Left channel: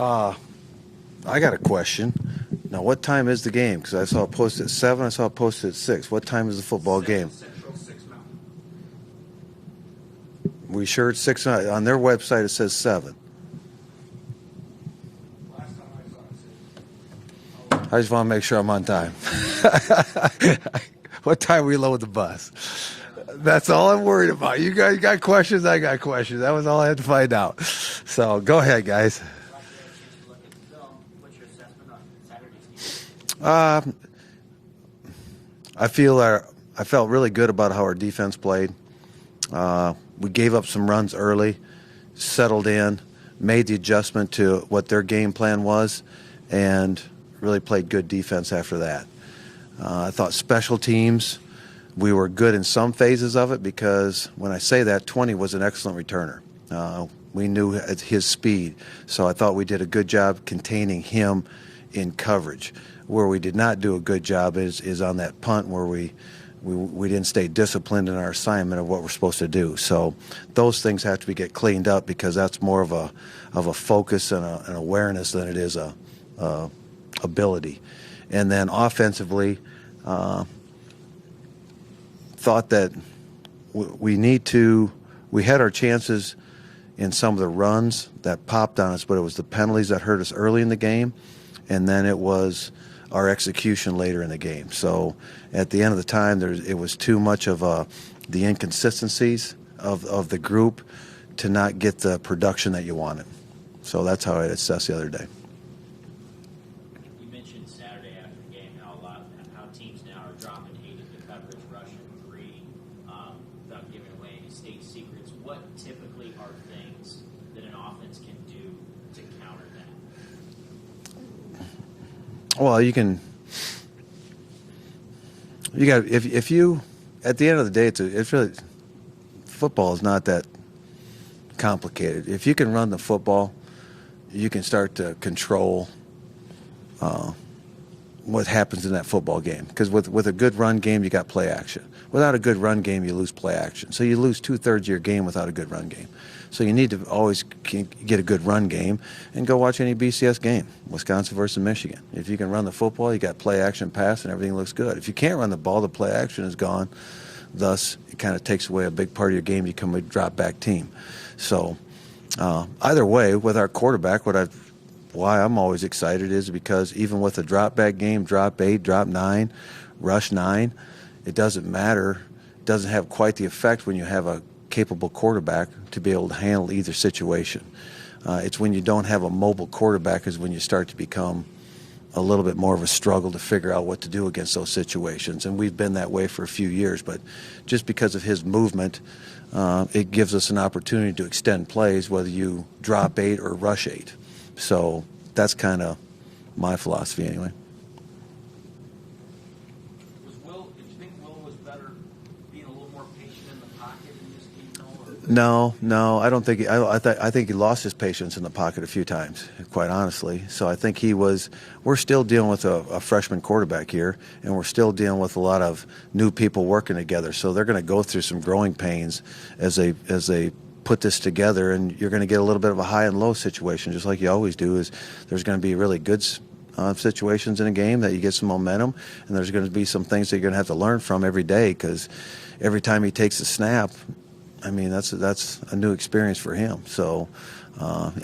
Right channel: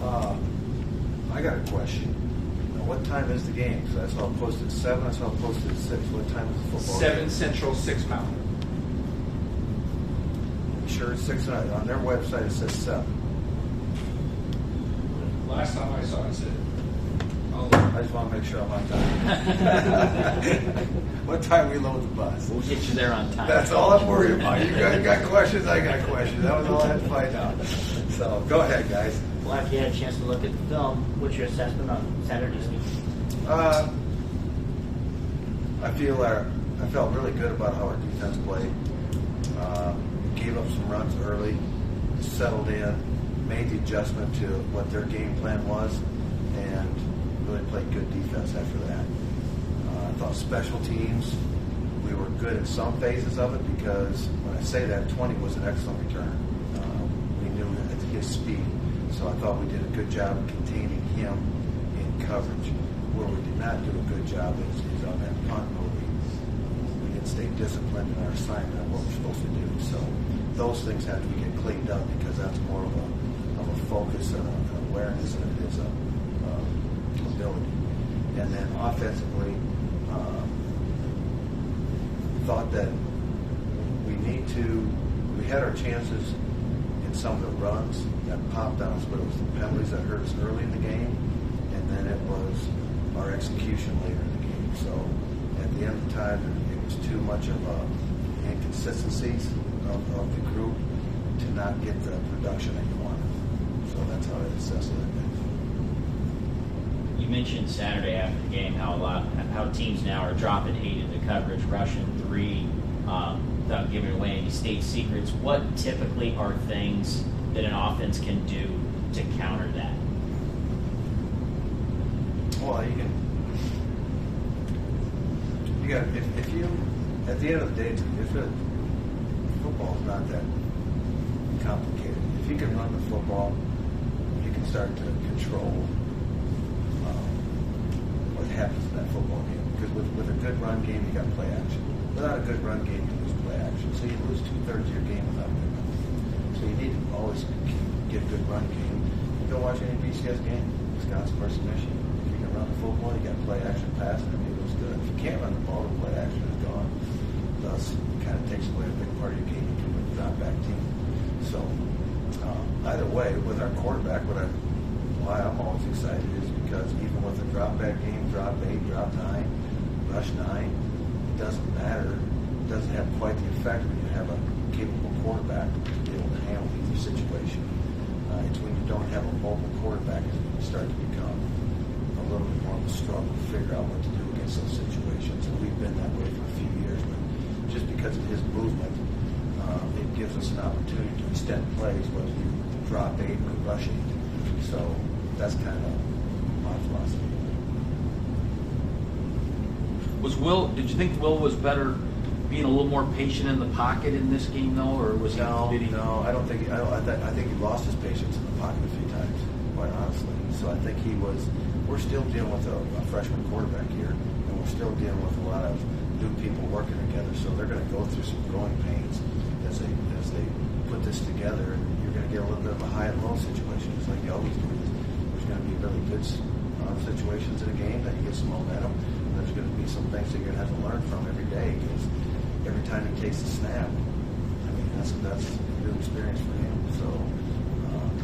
Uh, I got a question. Now, what time is the game? Because I saw it posted at 7, I saw it posted at 6. What time is the football 7 game? Central, 6 Mountain. We sure it's 6? On their website, it says 7. Last time I saw it said. I just want to make sure I'm on time. What time we load the bus? We'll get you there on time. That's all I'm worried about. You guys got questions, I got questions. That was all I had to find out. So, go ahead, guys. Well, after you had a chance to look at the film, what's your assessment on Saturday's game? I felt really good about how our defense played. We gave up some runs early, settled in, made the adjustment to what their game plan was, and really played good defense after that. I thought special teams, we were good in some phases of it because when I say that, 20 was an excellent returner. We knew at his speed, so I thought we did a good job containing him in coverage. Where we did not do a good job is on that punt where we didn't stay disciplined in our assignment of what we're supposed to do. So those things have to get cleaned up because that's more of a focus and an awareness than it is a ability. And then offensively, thought that we had our chances in some of the runs that popped on us, but it was the penalties that hurt us early in the game, and then it was our execution later in the game. So at the end of the time, it was too much of the inconsistencies of the group to not get the production that you wanted. So that's how I'd assess the other day. You mentioned Saturday after the game how teams now are dropping 8 into coverage, rushing 3, without giving away any state secrets. What typically are things that an offense can do to counter that? Well, if you, at the end of the day, it's really, football is not that complicated. If you can run the football, you can start to control what happens in that football game. Because with a good run game, you got play action. Without a good run game, you lose play action. So you lose 2/3 of your game without a good run game. So you need to always get a good run game and go watch any BCS game, Wisconsin versus Michigan. If you can run the football, you got play action, pass, and everything looks good. If you can't run the ball, the play action is gone. Thus, it kind of takes away a big part of your game. You become a drop-back team. So either way, with our quarterback, why I'm always excited is because even with a drop-back game, drop 8, drop 9, rush 9, it doesn't matter. It doesn't have quite the effect when you have a capable quarterback to be able to handle either situation. It's when you don't have a mobile quarterback is when you start to become a little bit more of a struggle to figure out what to do against those situations. And we've been that way for a few years, but just because of his movement, it gives us an opportunity to extend plays, whether you drop 8 or rush 8. So that's kind of my philosophy anyway. Did you think Will was better being a little more patient in the pocket in this game, though, or was No, I don't think. I think he lost his patience in the pocket a few times, quite honestly. So I think we're still dealing with a freshman quarterback here, and we're still dealing with a lot of new people working together. So they're going to go through some growing pains as they put this together, and you're going to get a little bit of a high and low situation, just like you always do. Is there's going to be really good situations in a game that you get some momentum, and there's going to be some things that you're going to have to learn from every day, because every time he takes a snap, I mean, that's a new experience for him. So,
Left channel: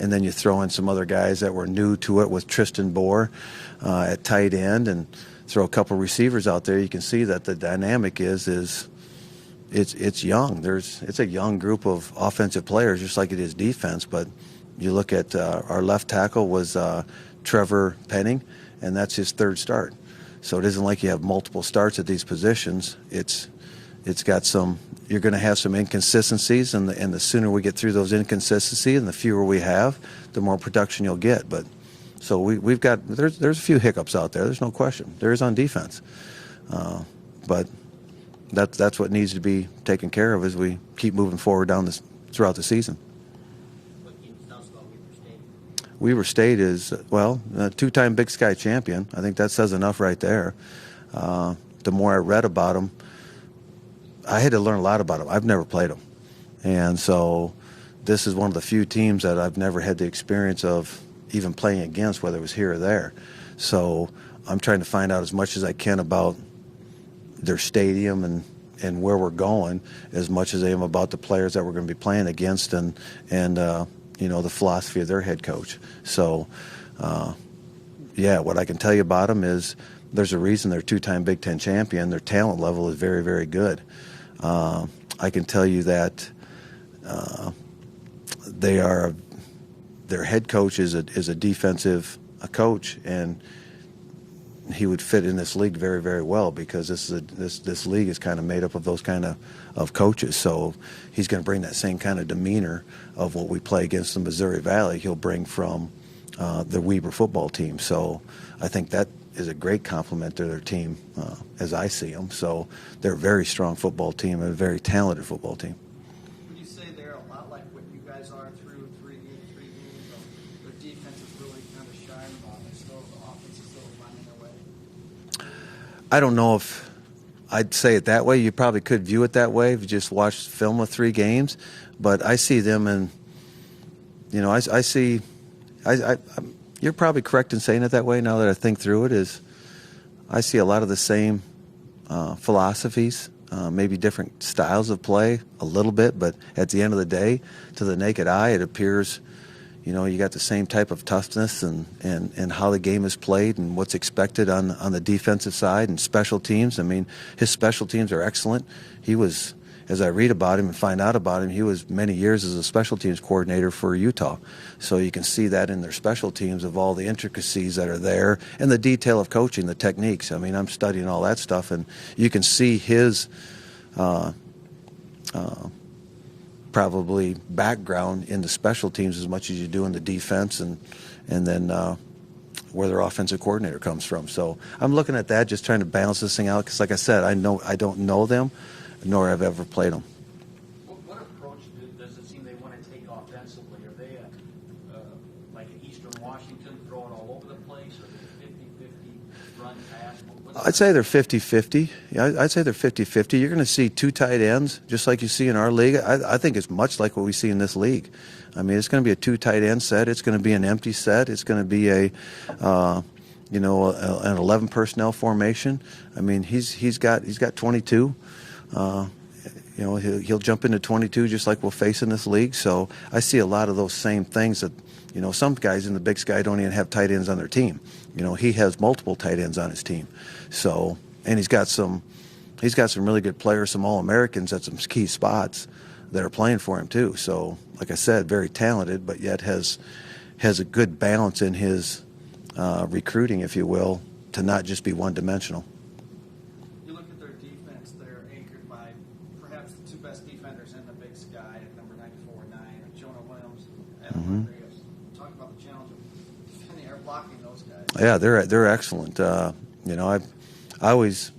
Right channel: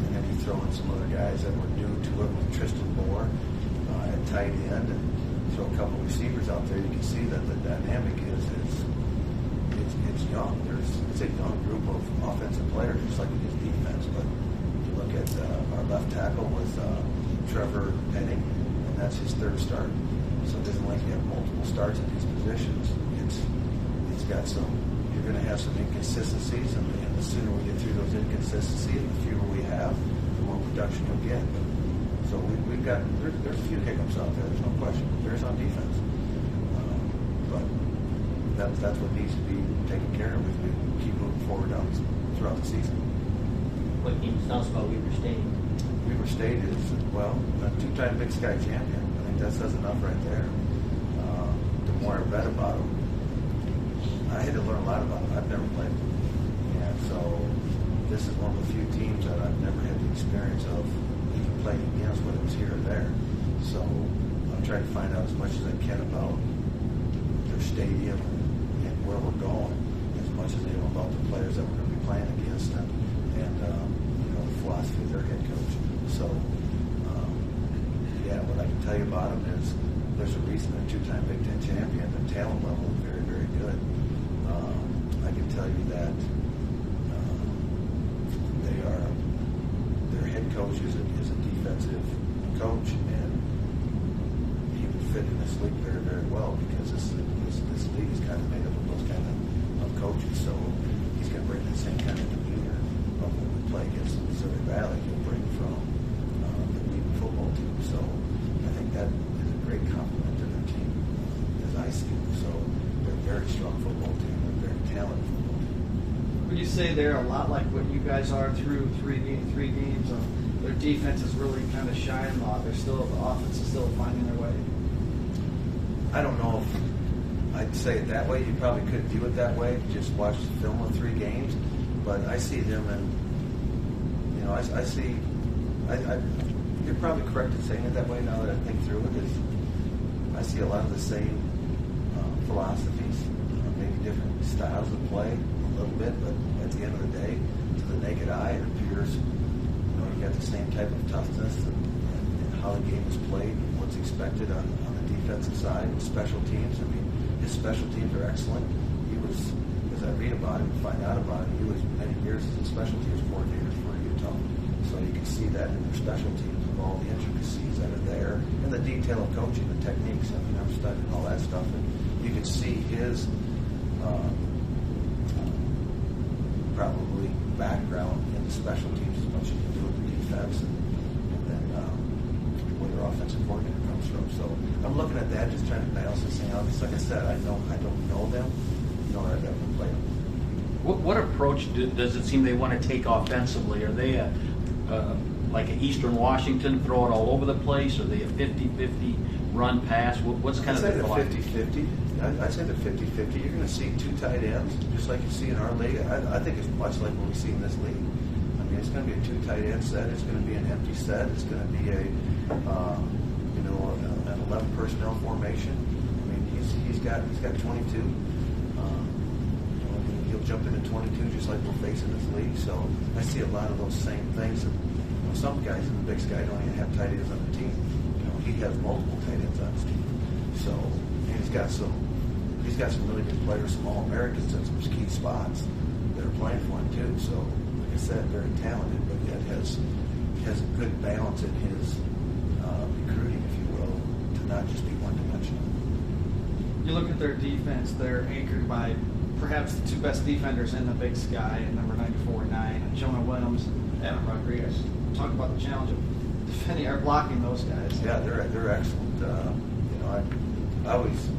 and then you throw in some other guys that were new to it with Tristan Bohr at tight end, and throw a couple receivers out there. You can see that the dynamic is it's young. It's a young group of offensive players, just like it is defense. But you look at our left tackle was Trevor Penning, and that's his 3rd start. So it isn't like you have multiple starts at these positions. It's got some. You're going to have some inconsistencies, and the sooner we get through those inconsistencies, and the fewer we have, the more production you'll get. But so we've got there's a few hiccups out there. There's no question. There is on defense, but that's what needs to be taken care of as we keep moving forward throughout the season. What can you tell us about Weber State? Weber State is, well, a 2-time Big Sky champion. I think that says enough right there. The more I read about them, I had to learn a lot about them. I've never played them. And so this is one of the few teams that I've never had the experience of even playing against, whether it was here or there. So I'm trying to find out as much as I can about their stadium and where we're going, as much as I am about the players that we're going to be playing against and the philosophy of their head coach. So what I can tell you about them is there's a reason they're two-time Big Ten champion. Their talent level is very, very good. I can tell you that their head coach is a defensive coach, and he would fit in this league very, very well, because this league is kind of made up of those kind of coaches. So he's going to bring that same kind of demeanor of what we play against the Missouri Valley. He'll bring from the Weber football team. So I think that is a great compliment to their team, as I see them. So they're a very strong football team, a very talented football team. Would you say they're a lot like what you guys are through three games? Or their defense is really kind of shining on? The offense is still finding their way? I don't know if I'd say it that way. You probably could view it that way if you just watched film of 3 games. But I see them in, you're probably correct in saying it that way now that I think through it, is I see a lot of the same philosophies, maybe different styles of play a little bit, but at the end of the day, to the naked eye, it appears, you got the same type of toughness and how the game is played and what's expected on the defensive side and special teams. I mean, his special teams are excellent. He was, as I read about him and find out about him, he was many years as a special teams coordinator for Utah. So you can see that in their special teams, of all the intricacies that are there and the detail of coaching, the techniques. I mean, I'm studying all that stuff, and you can see his probably background in the special teams as much as you do in the defense, and then where their offensive coordinator comes from. So I'm looking at that, just trying to balance this thing out, because like I said, I don't know them, nor have ever played them. What approach does it seem they want to take offensively? Are they like an Eastern Washington, throw it all over the place? Are they a 50-50 run pass? I'd say they're 50-50. Yeah, I'd say they're 50-50. You're going to see 2 tight ends, just like you see in our league. I think it's much like what we see in this league. I mean, it's going to be a 2 tight end set. It's going to be an empty set. It's going to be an 11 personnel formation. I mean, he's got 22. He'll jump into 22 just like we'll face in this league. So I see a lot of those same things that, some guys in the Big Sky don't even have tight ends on their team. He has multiple tight ends on his team. So, and he's got some really good players, some All-Americans at some key spots that are playing for him too. So, like I said, very talented, but yet has a good balance in his recruiting, if you will, to not just be one-dimensional. You look at their defense; they're anchored by perhaps the 2 best defenders in the Big Sky, number 94 and 9, Jonah Williams, Evan Rodriguez. Talk about the challenge of defending or blocking those guys. Yeah, they're excellent. I always,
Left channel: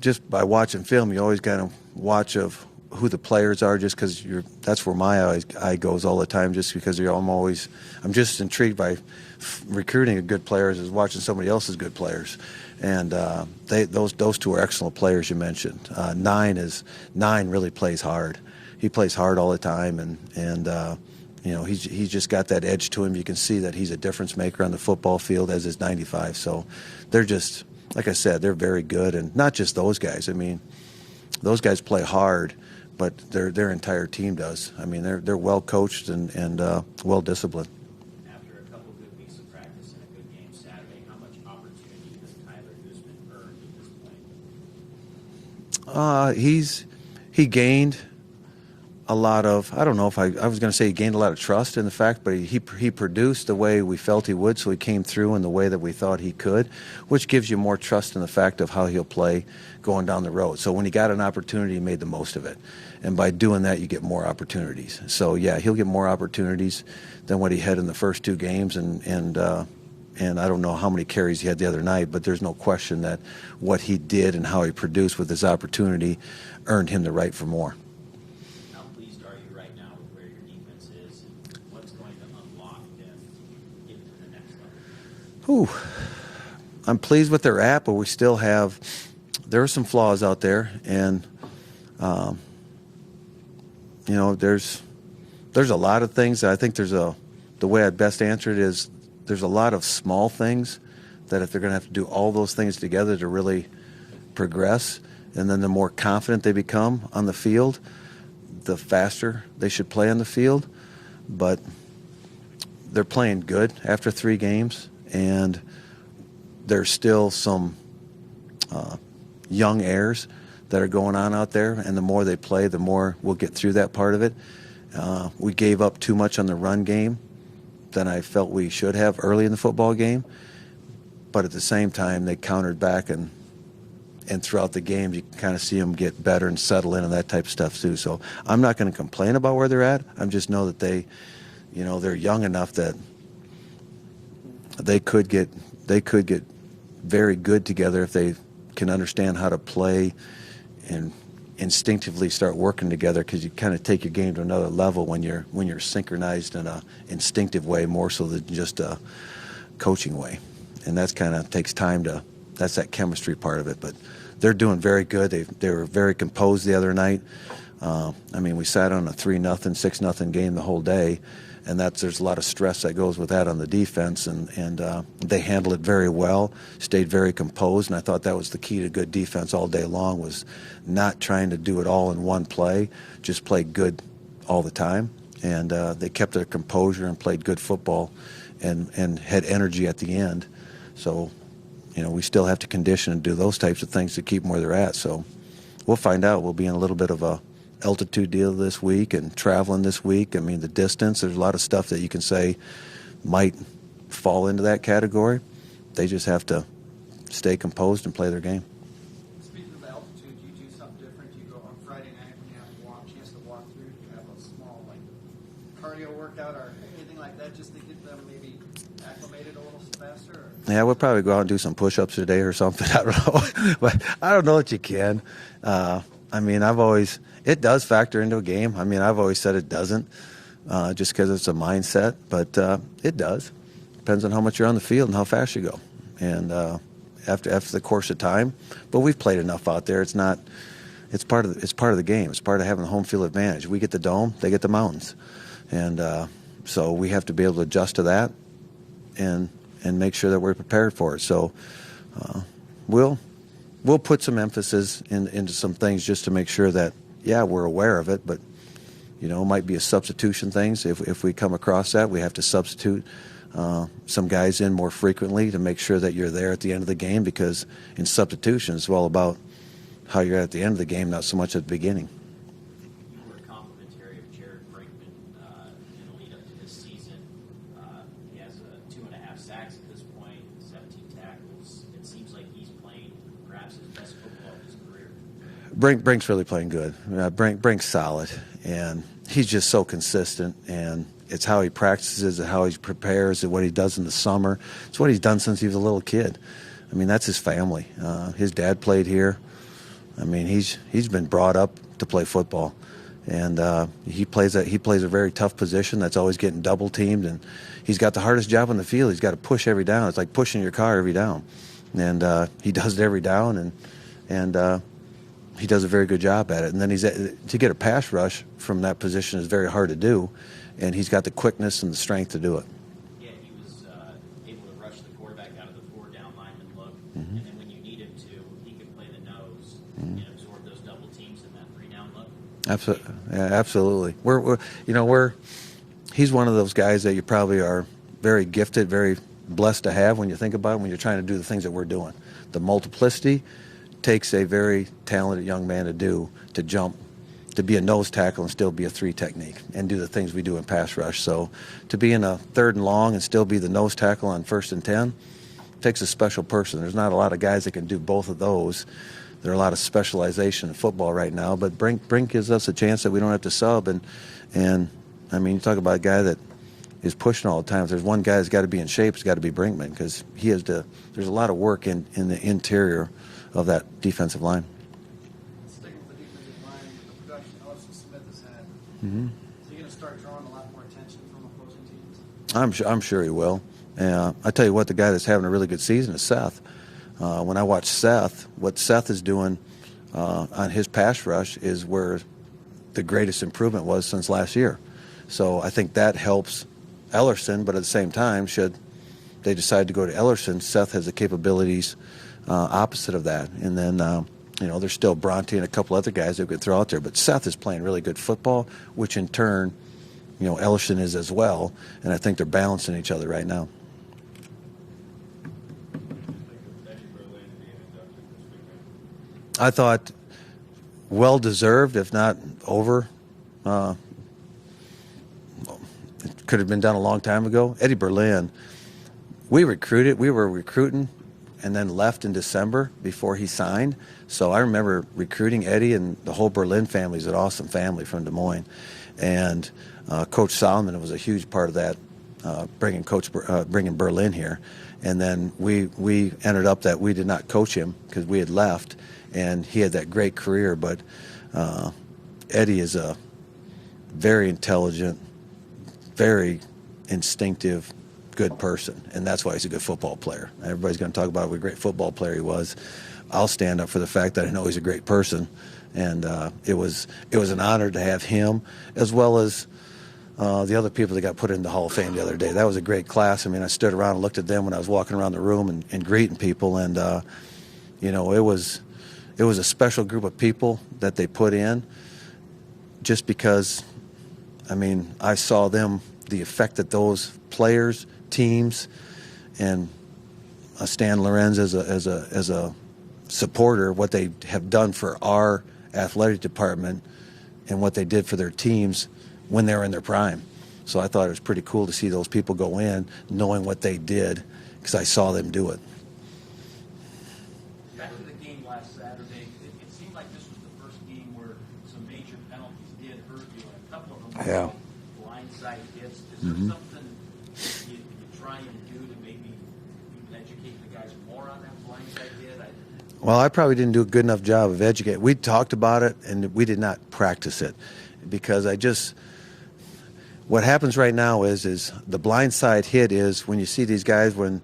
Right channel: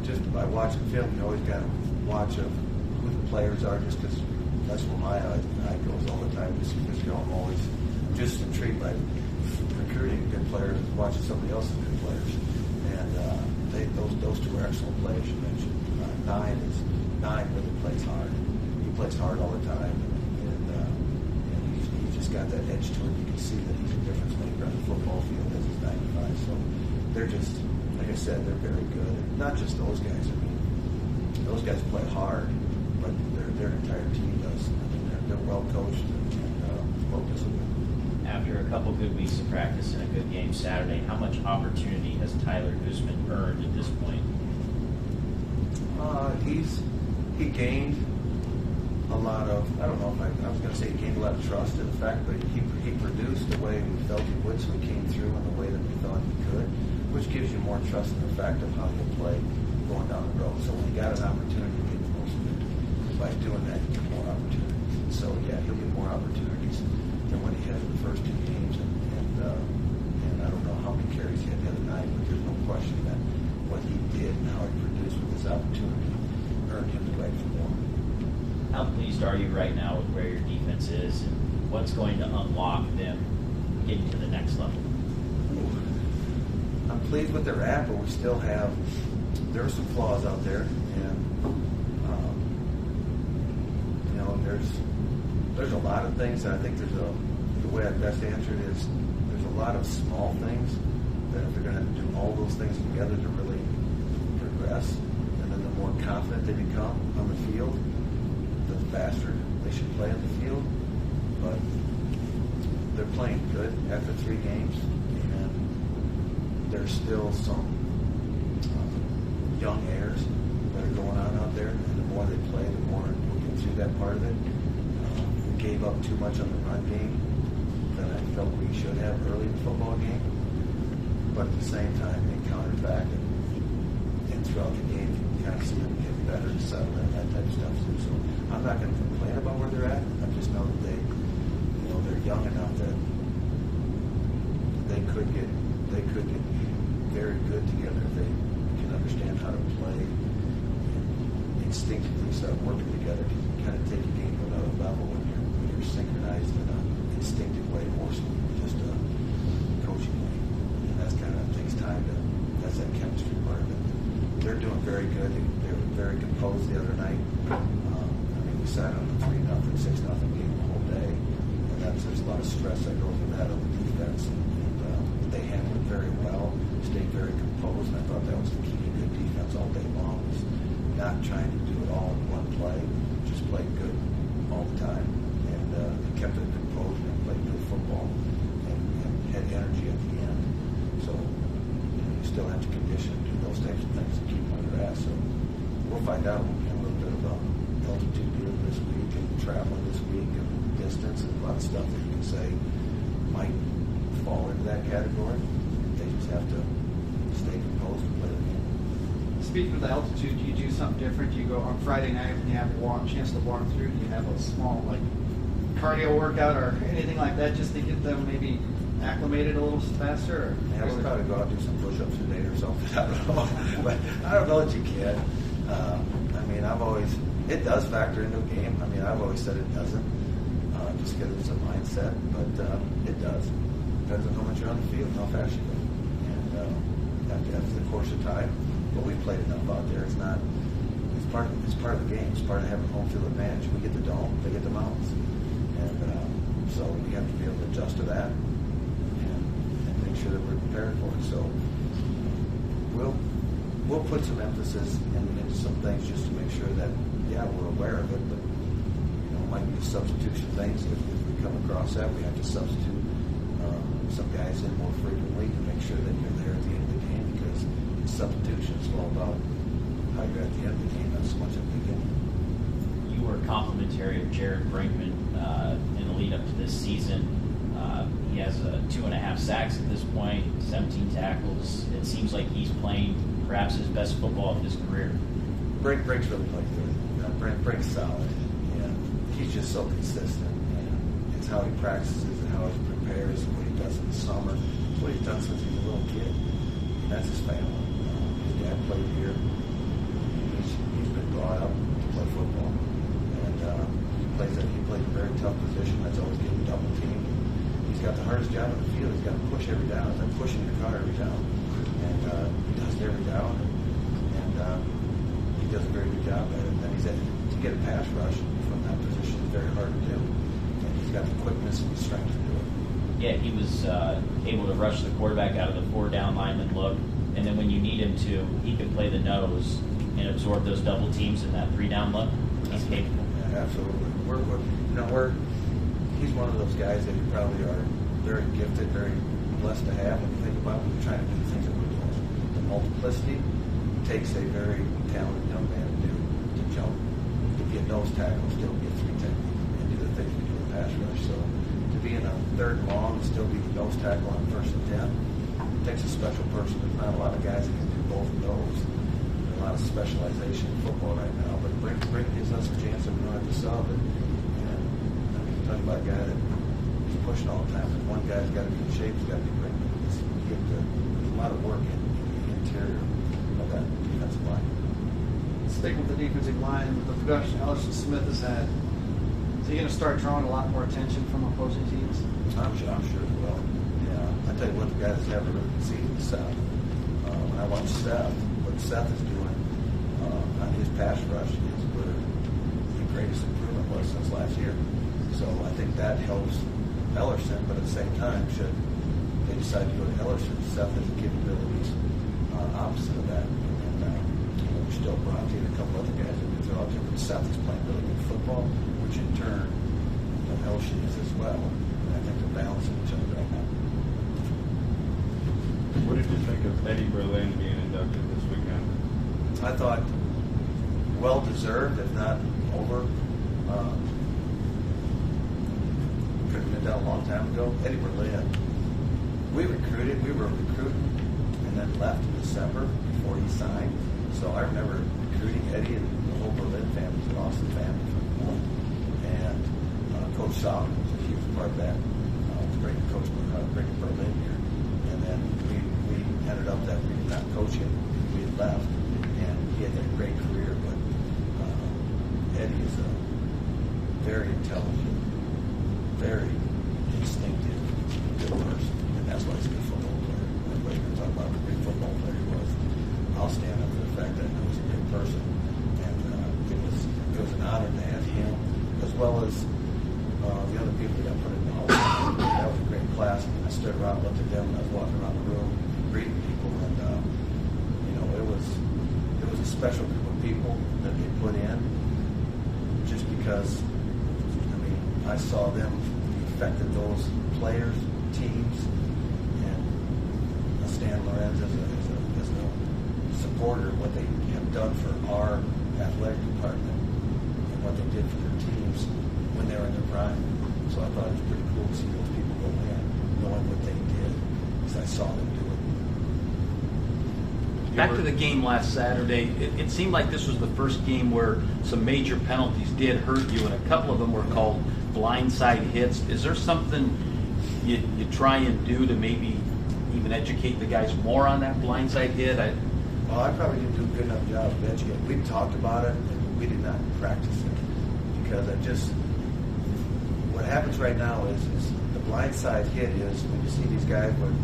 just by watching film, you always got to watch of who the players are, just because that's where my eye goes all the time, just because I'm just intrigued by recruiting a good players as watching somebody else's good players. And those 2 are excellent players you mentioned. 9 really plays hard. He plays hard all the time, and he's just got that edge to him. You can see that he's a difference maker on the football field, as is 95. So they're just, like I said, they're very good, and not just those guys. I mean, those guys play hard, but their entire team does. I mean, they're well coached and well disciplined. After a couple good weeks of practice and a good game Saturday, how much opportunity has Tyler Guzman earned at this point? He gained a lot of, I don't know if I was going to say he gained a lot of trust in the fact, but he produced the way we felt he would, so he came through in the way that we thought he could, which gives you more trust in the fact of how he'll play going down the road. So when he got an opportunity, he made the most of it. And by doing that, you get more opportunities. So yeah, he'll get more opportunities than what he had in the first 2 games, and I don't know how many carries he had the other night, but there's no question that what he did and how he produced with his opportunity earned him the right for more. How pleased are you right now with where your defense is, and what's going to unlock them getting to the next level? Ooh, I'm pleased with their app, but we still have, there are some flaws out there, and there's a lot of things. I think there's a the way I'd best answer it is there's a lot of small things that if they're going to have to do all those things together to really progress, and then the more confident they become on the field, the faster they should play on the field. But they're playing good after 3 games, and there's still some young heirs that are going on out there, and the more they play, the more we'll get through that part of it. We gave up too much on the run game than I felt we should have early in the football game, but at the same time they countered back, and throughout the game you can kind of see them get better and settle in and that type of stuff too. So I'm not going to complain about where they're at. I just know that they're young enough that they could get very good together if they can understand how to play and instinctively start working together, because you kind of take your game to another level when you're synchronized in a instinctive way more so than just a coaching way. And that's kind of takes time that's that chemistry part of it. But they're doing very good. They were very composed the other night. I mean, we sat on a 3-0, 6-0 game the whole day, and there's a lot of stress that goes with that on the defense, and they handled it very well, stayed very composed, and I thought that was the key to good defense all day long, was not trying to do it all in one play, just play good all the time. And they kept their composure and played good football and had energy at the end. So, we still have to condition and do those types of things to keep them where they're at. So we'll find out. We'll be in a little bit of a altitude deal this week and traveling this week. I mean, the distance, there's a lot of stuff that you can say might fall into that category. They just have to stay composed and play their game. Speaking of the altitude, do you do something different? Do you go on Friday night when you have a chance to walk through? Do you have a small cardio workout or anything like that just to get them maybe acclimated a little faster? Yeah, we'll probably go out and do some push-ups today or something. I don't know, but I don't know that you can. I mean, it does factor into a game. I mean, I've always said it doesn't, just because it's a mindset, but it does. Depends on how much you're on the field and how fast you go, and after the course of time. But we've played enough out there. It's part of the game. It's part of having the home field advantage. We get the dome, they get the mountains, and so we have to be able to adjust to that and make sure that we're prepared for it. So we'll put some emphasis into some things just to make sure that, yeah, we're aware of it, but it might be a substitution things. If we come across that, we have to substitute some guys in more frequently to make sure that you're there at the end of the game, because in substitution it's all about how you're at the end of the game, not so much at the beginning. You were complimentary of Jared Brinkman in the lead up to this season. He has 2.5 sacks at this point, 17 tackles. It seems like he's playing perhaps his best football of his career. Brink's really playing good. Brink's solid, and he's just so consistent, and it's how he practices and how he prepares and what he does in the summer. It's what he's done since he was a little kid. I mean, that's his family. His dad played here. I mean, he's been brought up to play football, and he plays a very tough position that's always getting double teamed, and he's got the hardest job on the field. He's got to push every down. It's like pushing your car every down, and he does it every down, and he does a very good job at it. And then to get a pass rush from that position is very hard to do, and he's got the quickness and the strength to do it. Yeah, he was able to rush the quarterback out of the 4-down lineman look, and then when you need him to, he can play the nose and absorb those double teams in that 3-down look. Absolutely, yeah, absolutely. He's one of those guys that you probably are very gifted, very blessed to have when you think about it, when you're trying to do the things that we're doing. The multiplicity takes a very talented young man to do, to jump, to be a nose tackle and still be a 3 technique and do the things we do in pass rush. So to be in a 3rd and long and still be the nose tackle on 1st and 10 takes a special person. There's not a lot of guys that can do both of those. There are a lot of specialization in football right now, but Brink gives us a chance that we don't have to sub. And I mean, you talk about a guy that is pushing all the time. If there's one guy that's got to be in shape, it's got to be Brinkman, because there's a lot of work in the interior of that defensive line. Sticking with the defensive line, the production Ellison Smith has had, is he going to start drawing a lot more attention from opposing teams? I'm sure he will. I tell you what, the guy that's having a really good season is Seth. When I watch Seth, what Seth is doing on his pass rush is where the greatest improvement was since last year. So I think that helps Ellerson, but at the same time, should they decide to go to Ellerson, Seth has the capabilities opposite of that. And then, there's still Bronte and a couple other guys that could throw out there. But Seth is playing really good football, which in turn, Ellerson is as well. And I think they're balancing each other right now. What did you think of Eddie Berlin being inducted this weekend? I thought well-deserved, if not over. Could have been done a long time ago. Eddie Berlin, we were recruiting and then left in December before he signed. So I remember recruiting Eddie, and the whole Berlin family is an awesome family from Des Moines. And Coach Solomon was a huge part of that, bringing Berlin here. And then we ended up that we did not coach him because we had left, and he had that great career. But Eddie is a very intelligent, very instinctive, good person, and that's why he's a good football player. Everybody's going to talk about what a great football player he was. I'll stand up for the fact that I know he's a great person, and it was an honor to have him, as well as the other people that got put in the Hall of Fame the other day. That was a great class. I mean, I stood around and looked at them when I was walking around the room and greeting people, and it was a special group of people that they put in, just because, I mean, I saw them, the effect that those players, teams, and Stan Lorenz as a supporter, what they have done for our athletic department and what they did for their teams when they were in their prime. So I thought it was pretty cool to see those people go in knowing what they did, because I saw them do it. Back to the game last Saturday, it seemed like this was the first game where some major penalties did hurt you, and a couple of them were called blindside hits. Is there something you try and do to maybe even educate the guys more on that blindside hit? Well, I probably didn't do a good enough job of educating. We talked about it, and we did not practice it, because what happens right now is the blindside hit is when you see these guys, when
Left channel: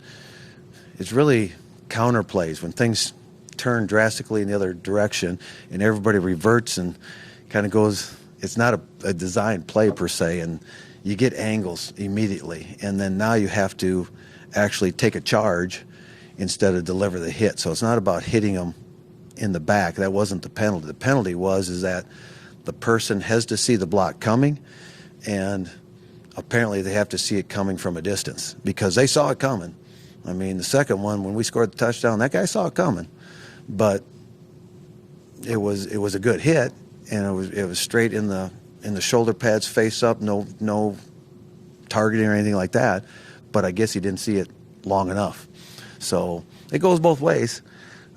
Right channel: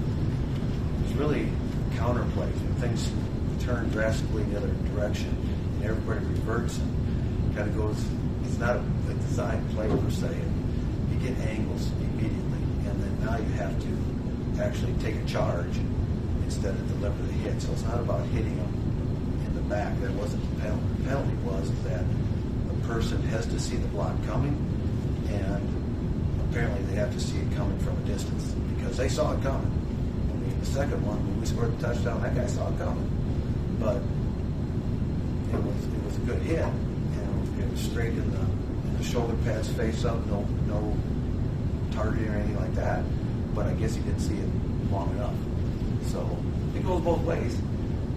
it's really counter plays, when things turn drastically in the other direction and everybody reverts and kind of goes, it's not a designed play per se, and you get angles immediately, and then now you have to actually take a charge instead of deliver the hit. So it's not about hitting them in the back. That wasn't the penalty. The penalty is that the person has to see the block coming, and apparently they have to see it coming from a distance, because they saw it coming. I mean, the second one, when we scored the touchdown, that guy saw it coming, but it was a good hit, and it was straight in the shoulder pads, face up, no targeting or anything like that. But I guess he didn't see it long enough. So it goes both ways.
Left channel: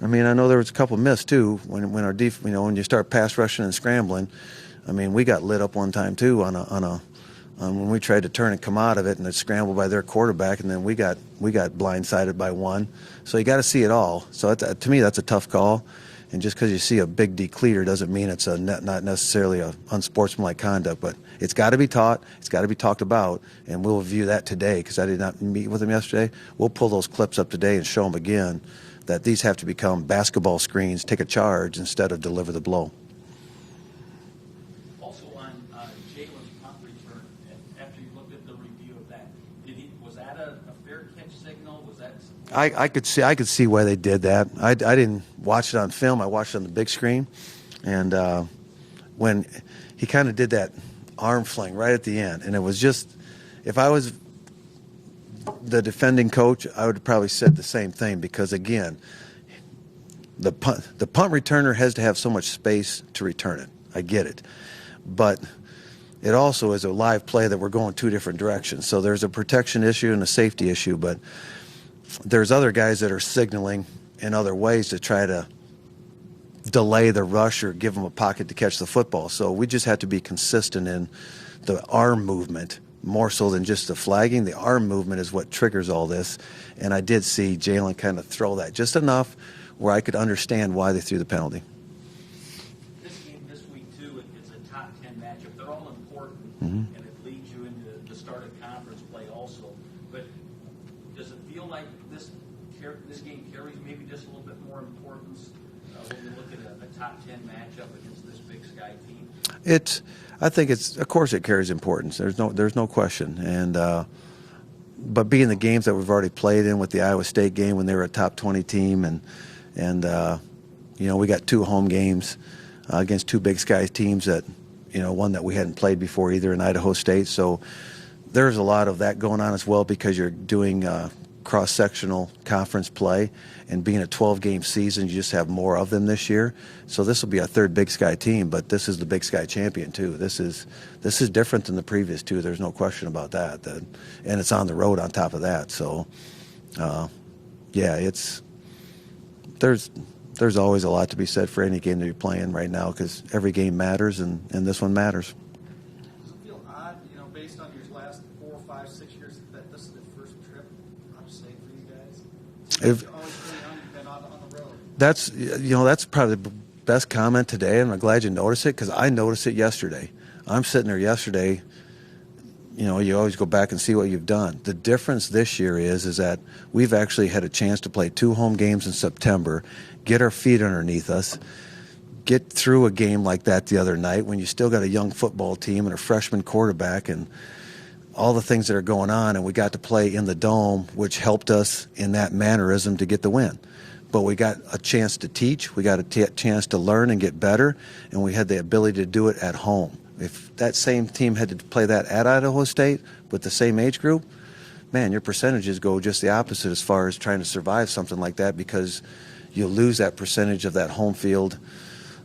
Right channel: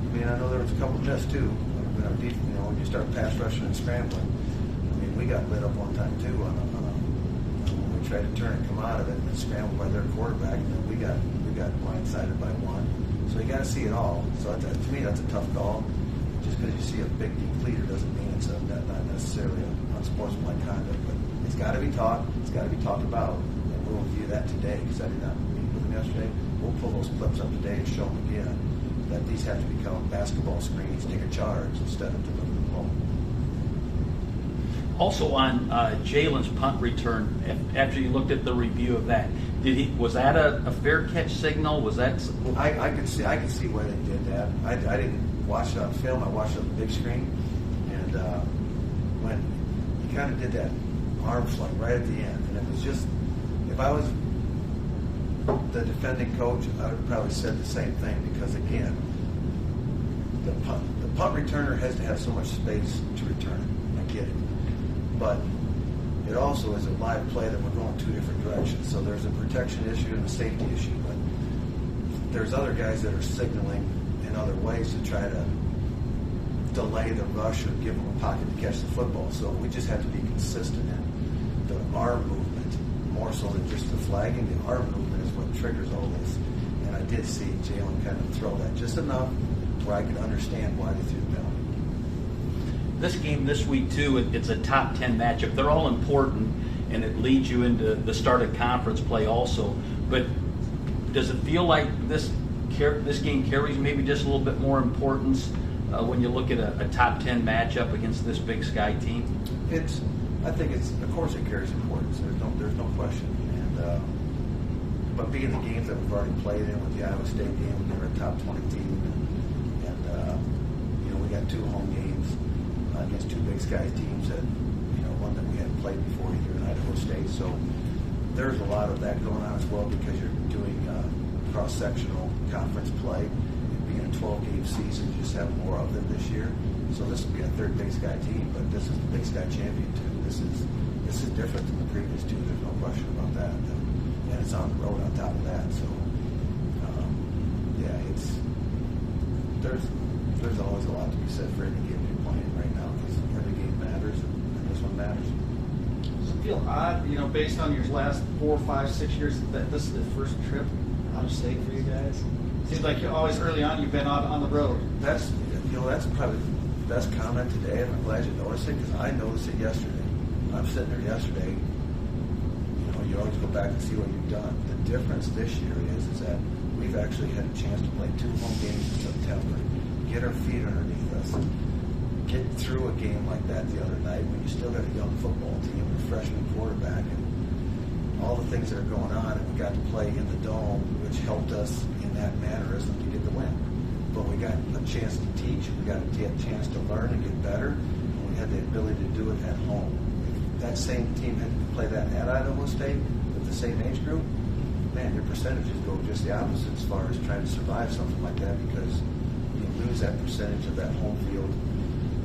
I mean, I know there was a couple missed too when our when you start pass rushing and scrambling. I mean, we got lit up one time too on when we tried to turn and come out of it, and it scrambled by their quarterback, and then we got blindsided by one. So you got to see it all. So to me, that's a tough call. And just because you see a big decleater doesn't mean it's not necessarily a unsportsmanlike conduct. But it's got to be taught. It's got to be talked about. And we'll review that today, because I did not meet with them yesterday. We'll pull those clips up today and show them again that these have to become basketball screens, take a charge instead of deliver the blow. Also on Jalen's punt return, after you looked at the review of that, was that a fair catch signal? Was that? I could see why they did that. I didn't watch it on film. I watched it on the big screen, and when he kind of did that arm fling right at the end, and it was just, if I was the defending coach, I would probably said the same thing, because again, the punt returner has to have so much space to return it. I get it, but it also is a live play that we're going two different directions. So there's a protection issue and a safety issue, but there's other guys that are signaling in other ways to try to delay the rush or give them a pocket to catch the football. So we just have to be consistent in the arm movement, more so than just the flagging. The arm movement is what triggers all this. And I did see Jalen kind of throw that just enough where I could understand why they threw the penalty. This game this week too, it's a top 10 matchup. They're all important, and it leads you into the start of conference play also. But does it feel like this game carries maybe just a little bit more importance when you look at a top 10 matchup against this Big Sky team? I think of course it carries importance. There's no question. And but being the games that we've already played in with the Iowa State game when they were a top 20 team, and you know, we got 2 home games against 2 Big Sky teams that, you know, one that we hadn't played before either in Idaho State. So there's a lot of that going on as well because you're doing cross-sectional conference play, and being a 12-game season, you just have more of them this year. So this will be our 3rd Big Sky team, but this is the Big Sky champion too. This is different than the previous 2. There's no question about that. And it's on the road on top of that. So yeah, there's always a lot to be said for any game to be playing right now because every game matters, and this one matters. Does it feel odd, you know, based on your last 4, 5, 6 years, that this is the first trip out of state for you guys? Seems like always early on you've been on the road. That's, you know, that's probably the best comment today, and I'm glad you noticed it because I noticed it yesterday. I'm sitting there yesterday. You know, you always go back and see what you've done. The difference this year is that we've actually had a chance to play 2 home games in September, get our feet underneath us, get through a game like that the other night when you still got a young football team and a freshman quarterback and all the things that are going on, and we got to play in the Dome, which helped us in that mannerism to get the win. But we got a chance to teach, we got a chance to learn and get better, and we had the ability to do it at home. If that same team had to play that at Idaho State with the same age group, man, your percentages go just the opposite as far as trying to survive something like that because you lose that percentage of that home field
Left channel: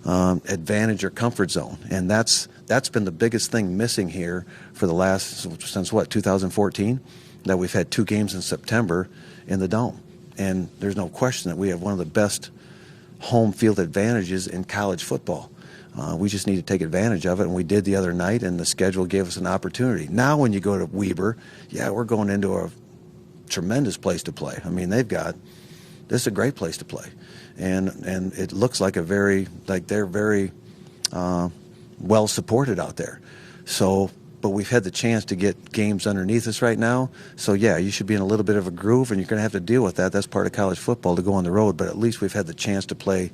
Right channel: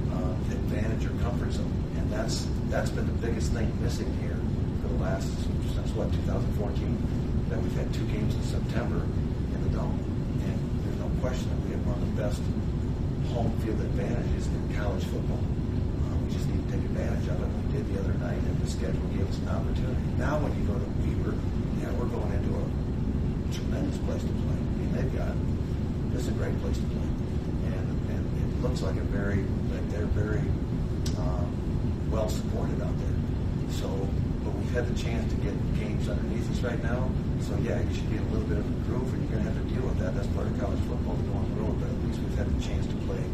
advantage or comfort zone. And that's been the biggest thing missing here for the last, since what, 2014, that we've had 2 games in September in the Dome. And there's no question that we have one of the best home field advantages in college football. We just need to take advantage of it, and we did the other night, and the schedule gave us an opportunity. Now when you go to Weber, yeah, we're going into a tremendous place to play. I mean, this is a great place to play. And it looks like they're very well supported out there. So, but we've had the chance to get games underneath us right now. So yeah, you should be in a little bit of a groove, and you're going to have to deal with that. That's part of college football, to go on the road. But at least we've had the chance to play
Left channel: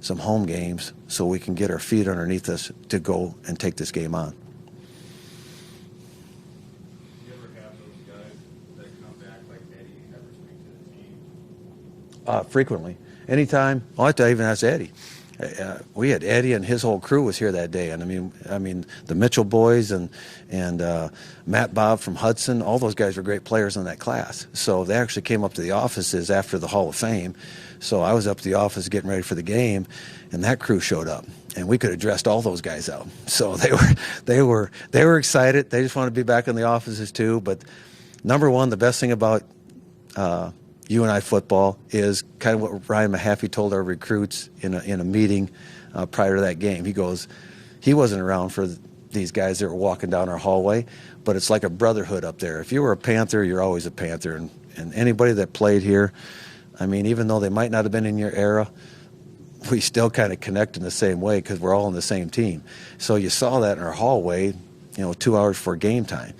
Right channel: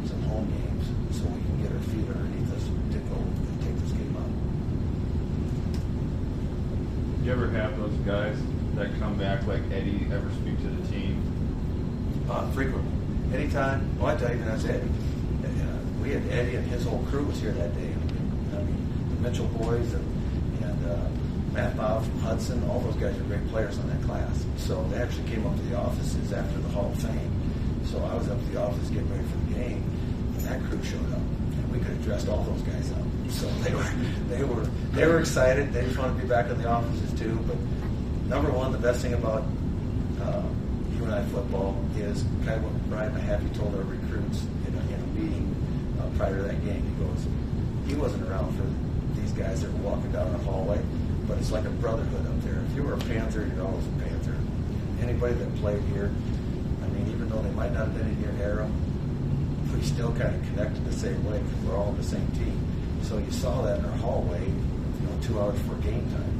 some home games so we can get our feet underneath us to go and take this game on. Do you ever have those guys that come back like Eddie ever speak to the team? Frequently. Anytime. Oh, I even asked Eddie. We had Eddie and his whole crew was here that day, and I mean the Mitchell boys and Matt Bob from Hudson, all those guys were great players in that class. So they actually came up to the offices after the Hall of Fame. So I was up to the office getting ready for the game, and that crew showed up, and we could have dressed all those guys out. So they were excited. They just wanted to be back in the offices too. But number one, the best thing about UNI football is kind of what Ryan Mahaffey told our recruits in a meeting prior to that game. He goes, he wasn't around for these guys that were walking down our hallway, but it's like a brotherhood up there. If you were a Panther, you're always a Panther. And anybody that played here, I mean, even though they might not have been in your era, we still kind of connect in the same way because we're all on the same team. So you saw that in our hallway, 2 hours before game time.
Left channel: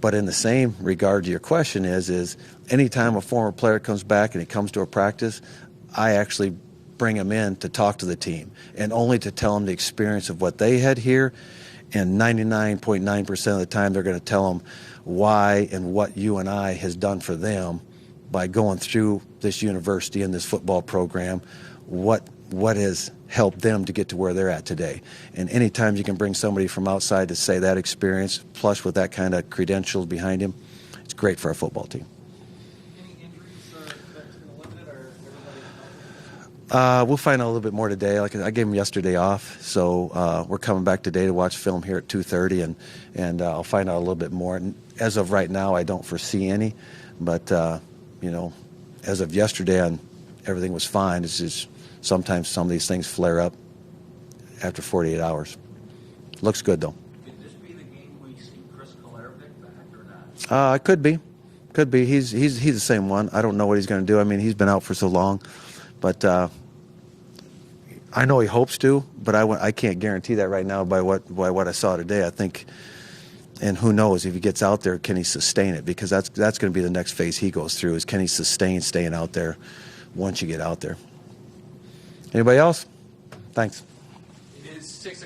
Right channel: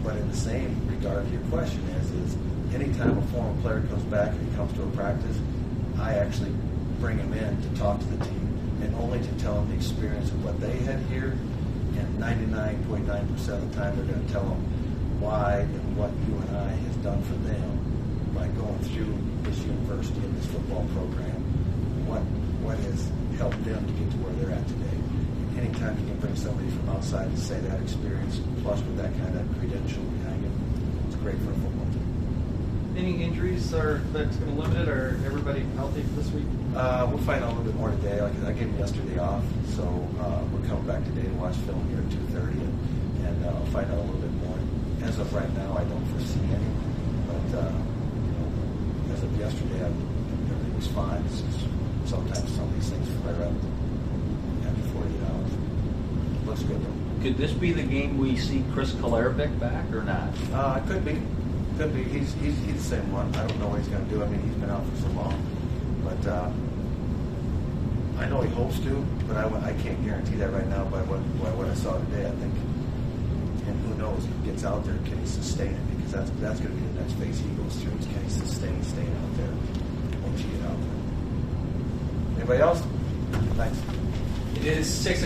But in the same regard to your question is anytime a former player comes back and he comes to a practice, I actually bring him in to talk to the team and only to tell them the experience of what they had here. And 99.9% of the time they're going to tell them why and what UNI has done for them by going through this university and this football program, what has helped them to get to where they're at today. And anytime you can bring somebody from outside to say that experience, plus with that kind of credentials behind him, it's great for our football team. Any injuries that's going to limit it, or everybody healthy for this week? We'll find out a little bit more today. Like I gave him yesterday off, so we're coming back today to watch film here at 2:30, and I'll find out a little bit more. And as of right now, I don't foresee any, but as of yesterday, everything was fine. It's just sometimes some of these things flare up after 48 hours. Looks good though. Could this be the game we see Chris Kolarbic back or not? It could be. Could be. He's the same one. I don't know what he's going to do. I mean, he's been out for so long, but I know he hopes to. But I can't guarantee that right now by what I saw today. I think, and who knows if he gets out there, can he sustain it? Because that's going to be the next phase he goes through, is can he sustain staying out there once you get out there. Anybody else? Thanks. It is 6